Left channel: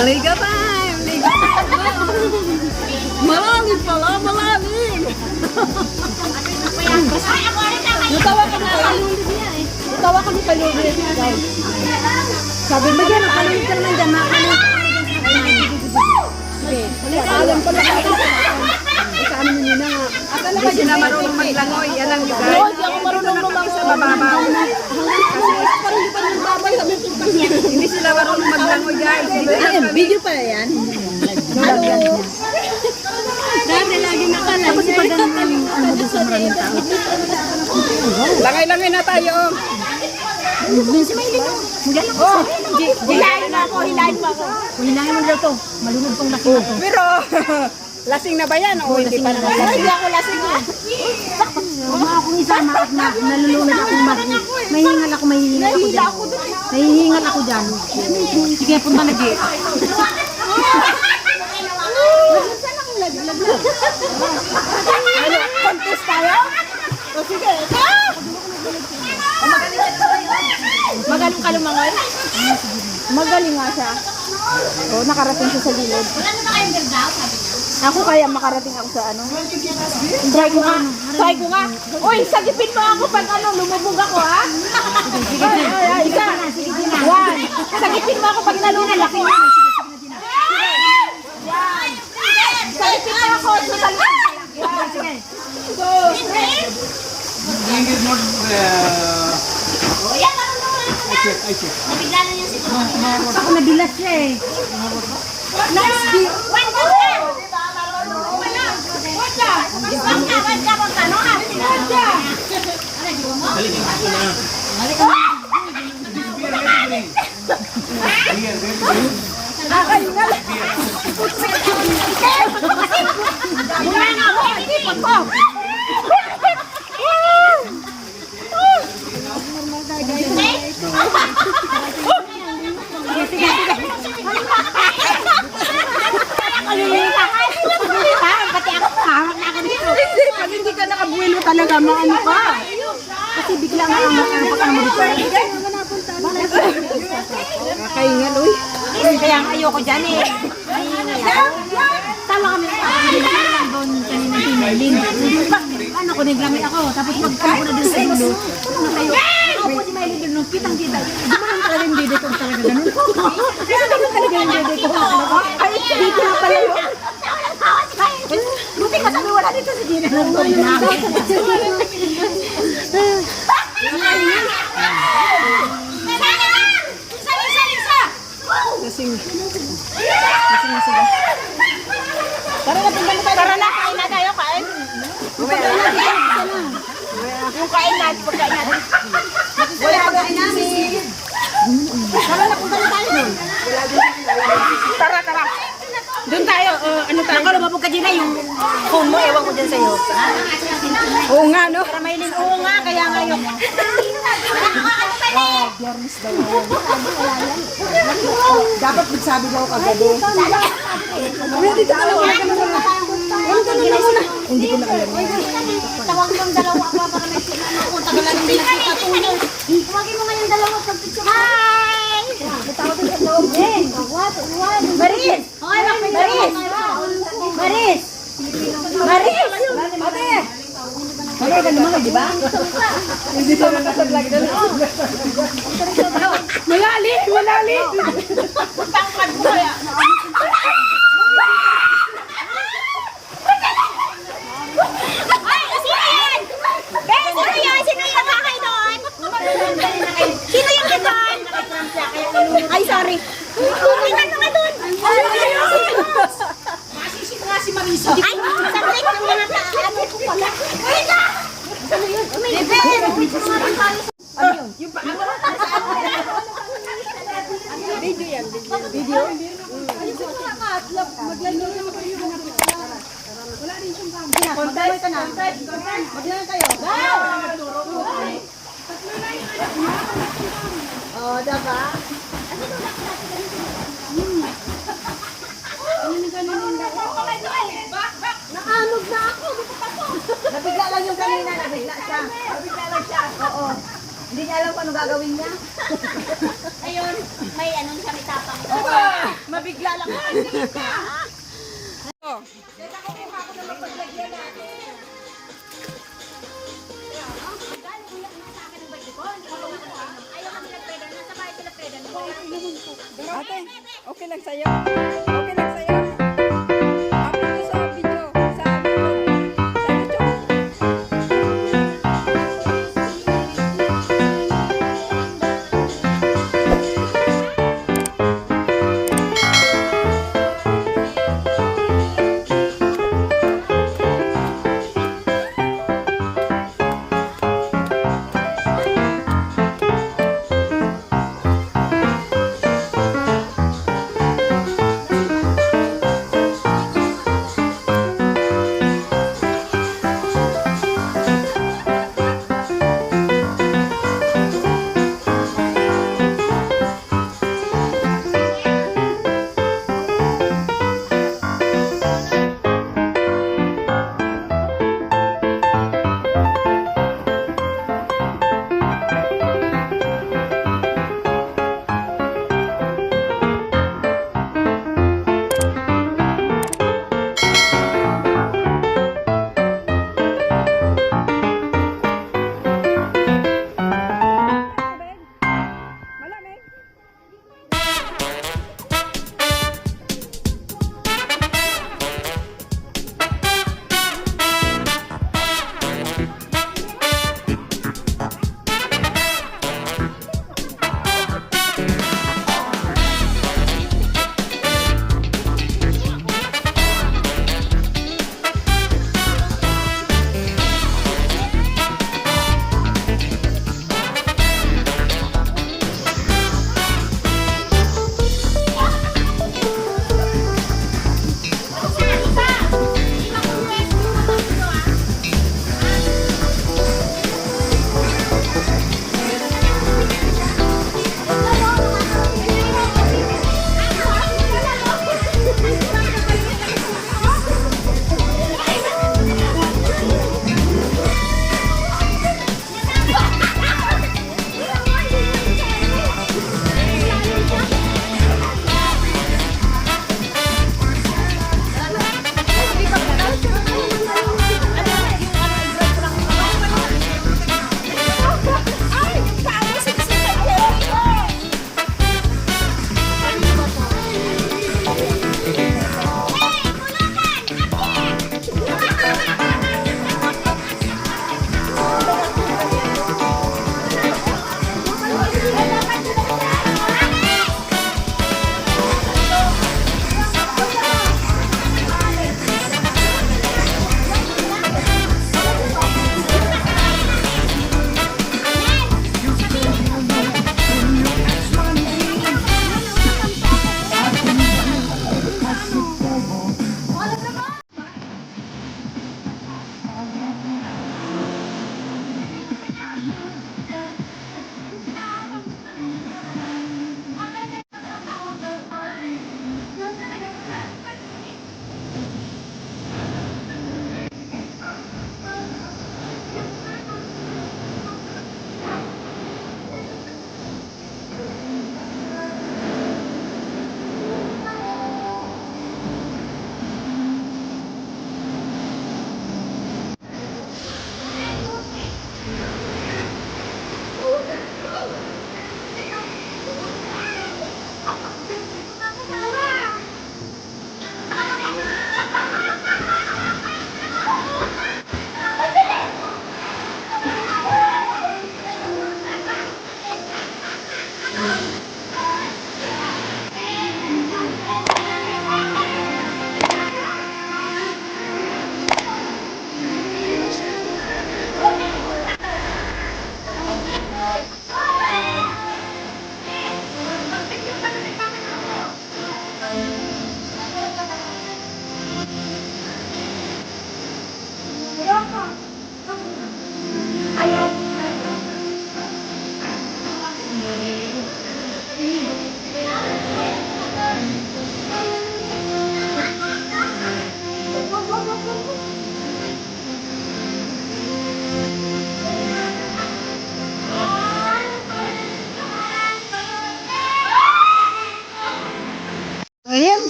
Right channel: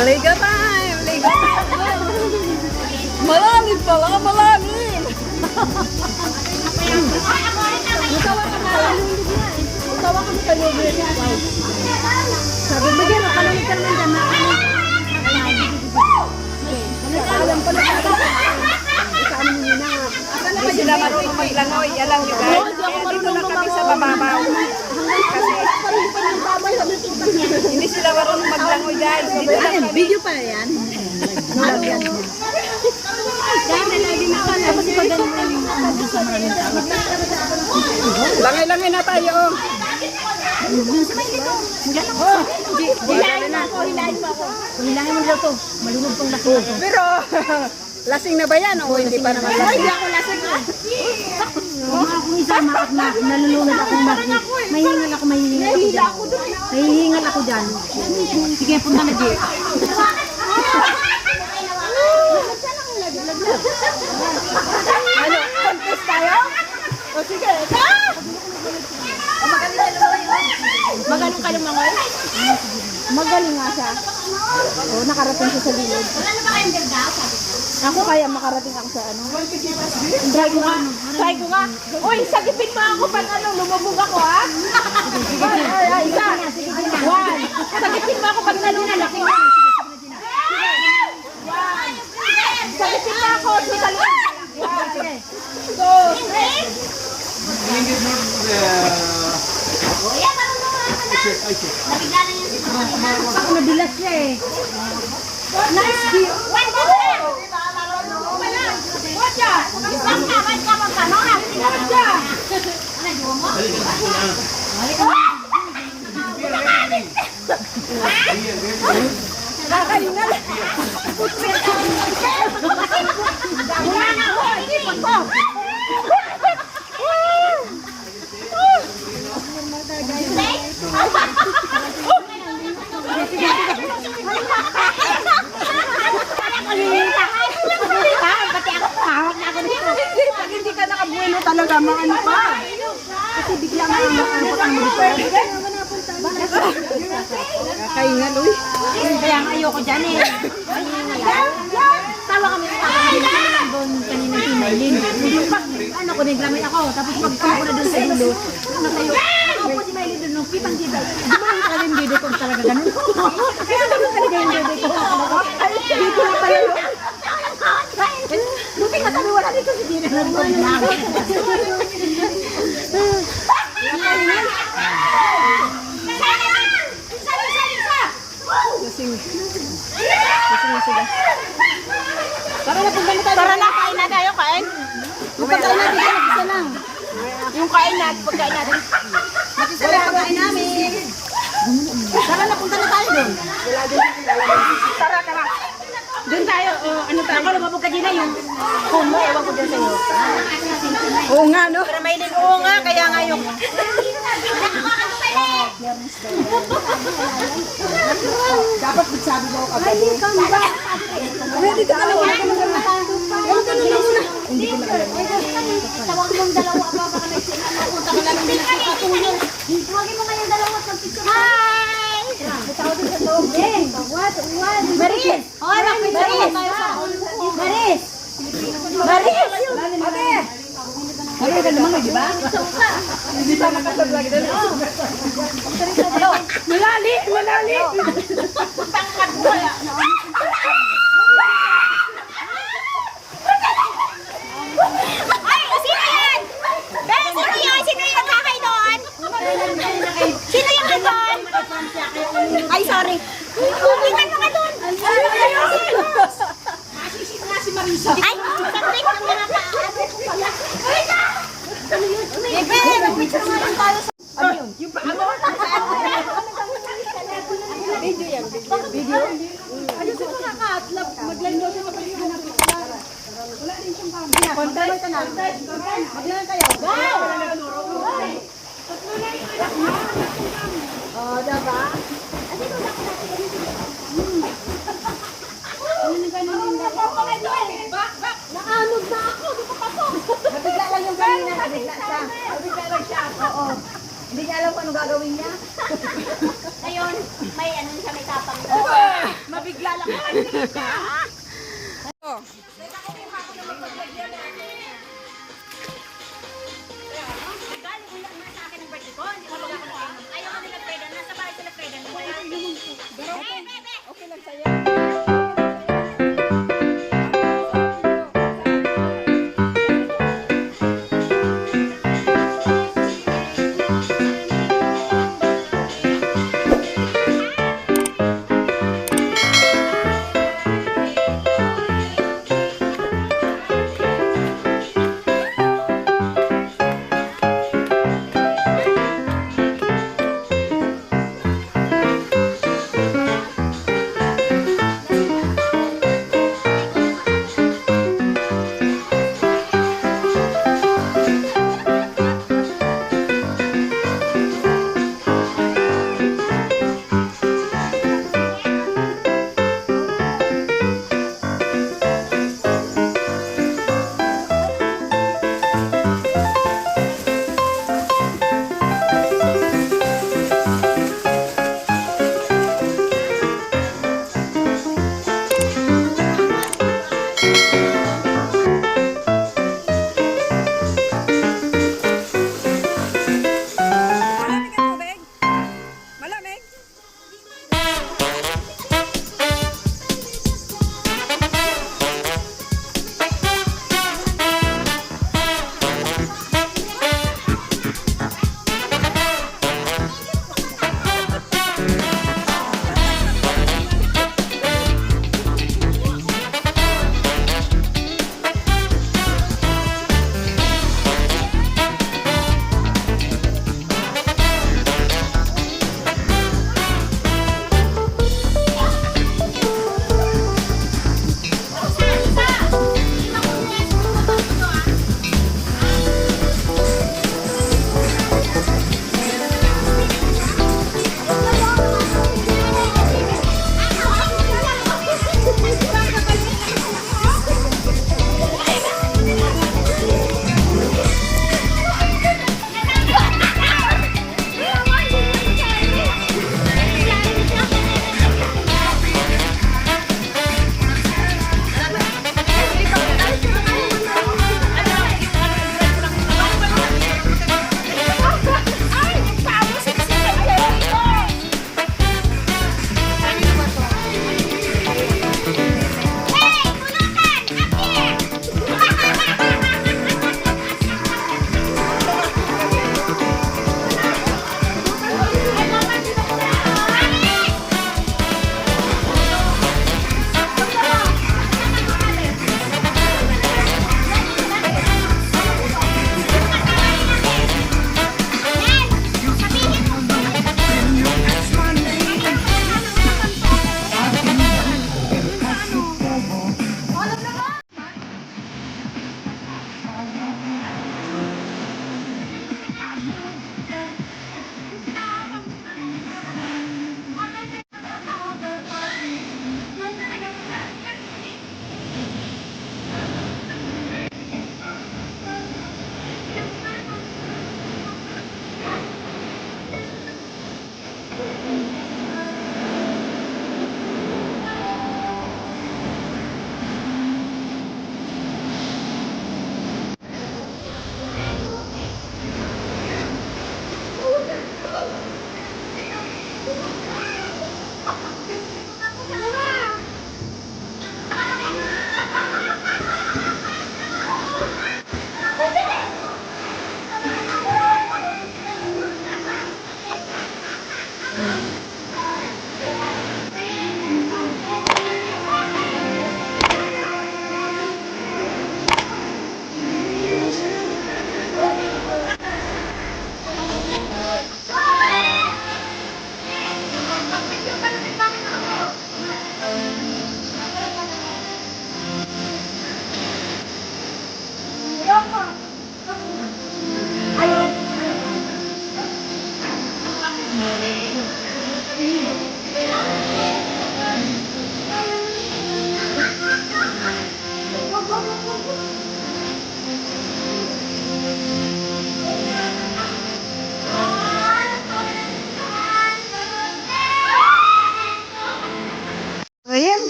Liga time! Liga time! Malalim pala, malalim! Natawa ka na palulog niya eh. Natawa ka na palulog niya. Sabi mo dyan, makalulog ka naman dyan. Okay. Alam pala ka. Saan mo nyo na nga? Akala ba sila marunong maglangoy? Alam nyo guys? Hindi ako marunong lumang sa bababaw. Hindi sila marunong maglangoy guys. Video pala yan? Nulagyan niya. Dami lagi nakala. Tapos pag galing sa maraming tao. Langay-langay na tayo. Si Maylin o. Oh, hilahin na. Hilahin mo dito. Malunod pong lasing ako. Pero, lasing na ba yan? O hindi pa naman lasing? Hindi ako lasing ha. Huwag mo akong isama at nalulunod akong mahihingal ako, mahihingal ako dyan. Mahihingal ako dyan. Sige, punta na di. Ano, contest tayo? O sige, ito! Magaling ka lumangoy? Magaling nga siya. O, nakarating siya sa gilid. Ako kaya makarating ako sa ano? Try ko nga. Try ko nga. Uy, sagipin mo ako pag ano, lumubog ako ha? Ay, isa. One. Sagipin mo ako pag nalunal ako. Sagipin mo ako. Sige. Two, three. Ako nadulas siya eh. Nice view. Wait ka na! Watcha! Kakaingal! Hindi, pag hindi ka nakabuelo talaga, maano ka. Kasi bigla nga ang makakapag mo dito. Kakaingal, uy. Kaya ayoko dyan eh. Tawa kami. Kanina si Maylin. Ano ko, naglangit ako. Tapos magkako na dun sa dulo. Natayo. Ako po si Maylin dun, kitang-kita. Hindi mo lang talaga yung dede ko talaga ganun. Kasi naman talaga yung dede ko. Ay, dito na pala yun. Buti ka sabi wala dito sa dede. Lasing sila. Tara na, punta na tayo. Tara na, kain na tayo, kain. Yung kain natin, pagkain natin. Matisa na yung pagkain namin. Tara na, punta na tayo doon. Tara. Doon tayo, ano tayo? Ako, lumabog ka din na yung phone mo, ewan ko dyan sa'yo. Oo nga, no? Para Maylin, oo nga, kaya nga yung... Dapat magsabi daw kagabi. Dito ka lang muna. Ganun ka lang muna. Hindi ko na alam. Tawag mong dalawa pa. Punta ka lang din ako katulong. Tawagin mo nga yung dalawa sa pizza. Hi! Maris! Maris! Maris! Ano ka naman, di ba? Hindi pa makasablog doon. Malalim! Pangkat mo yan! Ay! Sino yan? Sino yung nakakay doon? Sino yung doon? Ay, sorry. Tingnan mo ka doon! Masisip nga si Marisa. Ay! Saglit yung mga ano ko pala. Wait na! Ano yun? Yung paa mo? Video yan. Video? Ano sa mga ka-atlap? Mag-line daw sa kapatid na picture. Wala rin siyang camera. Content ka na. Mag-line kayo. Go! Oh, diba? Naanog na ako. Nabigla lang yung kanina. Nabigla lang siya. Oo. Hindi niya alam kung ano gagawin niya. Ayun, may ano siya, may tapang. Mabigla lang ako. Galing ulit na sa akin ng birthday ko. Hindi ko ako nag-inom. Ayaw kami nag-peda. Nasa bahay sila peda. Ate, okay lang sa'yo. Okay lang sa'yo. Happy ko sa video. Sa video.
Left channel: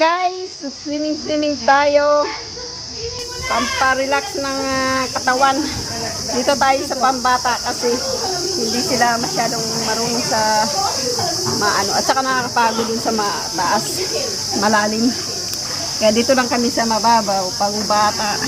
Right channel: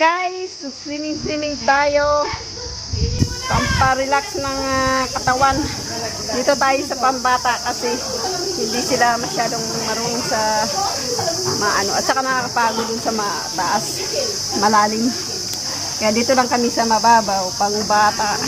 guys, swimming tayo. Pampa-relax ng katawan. Dito tayo sa pambata kasi hindi sila masyadong marunong sa maano. At saka nakakapagod dun sa mataas, malalim. Kaya dito lang kami sa mababaw, pang bata.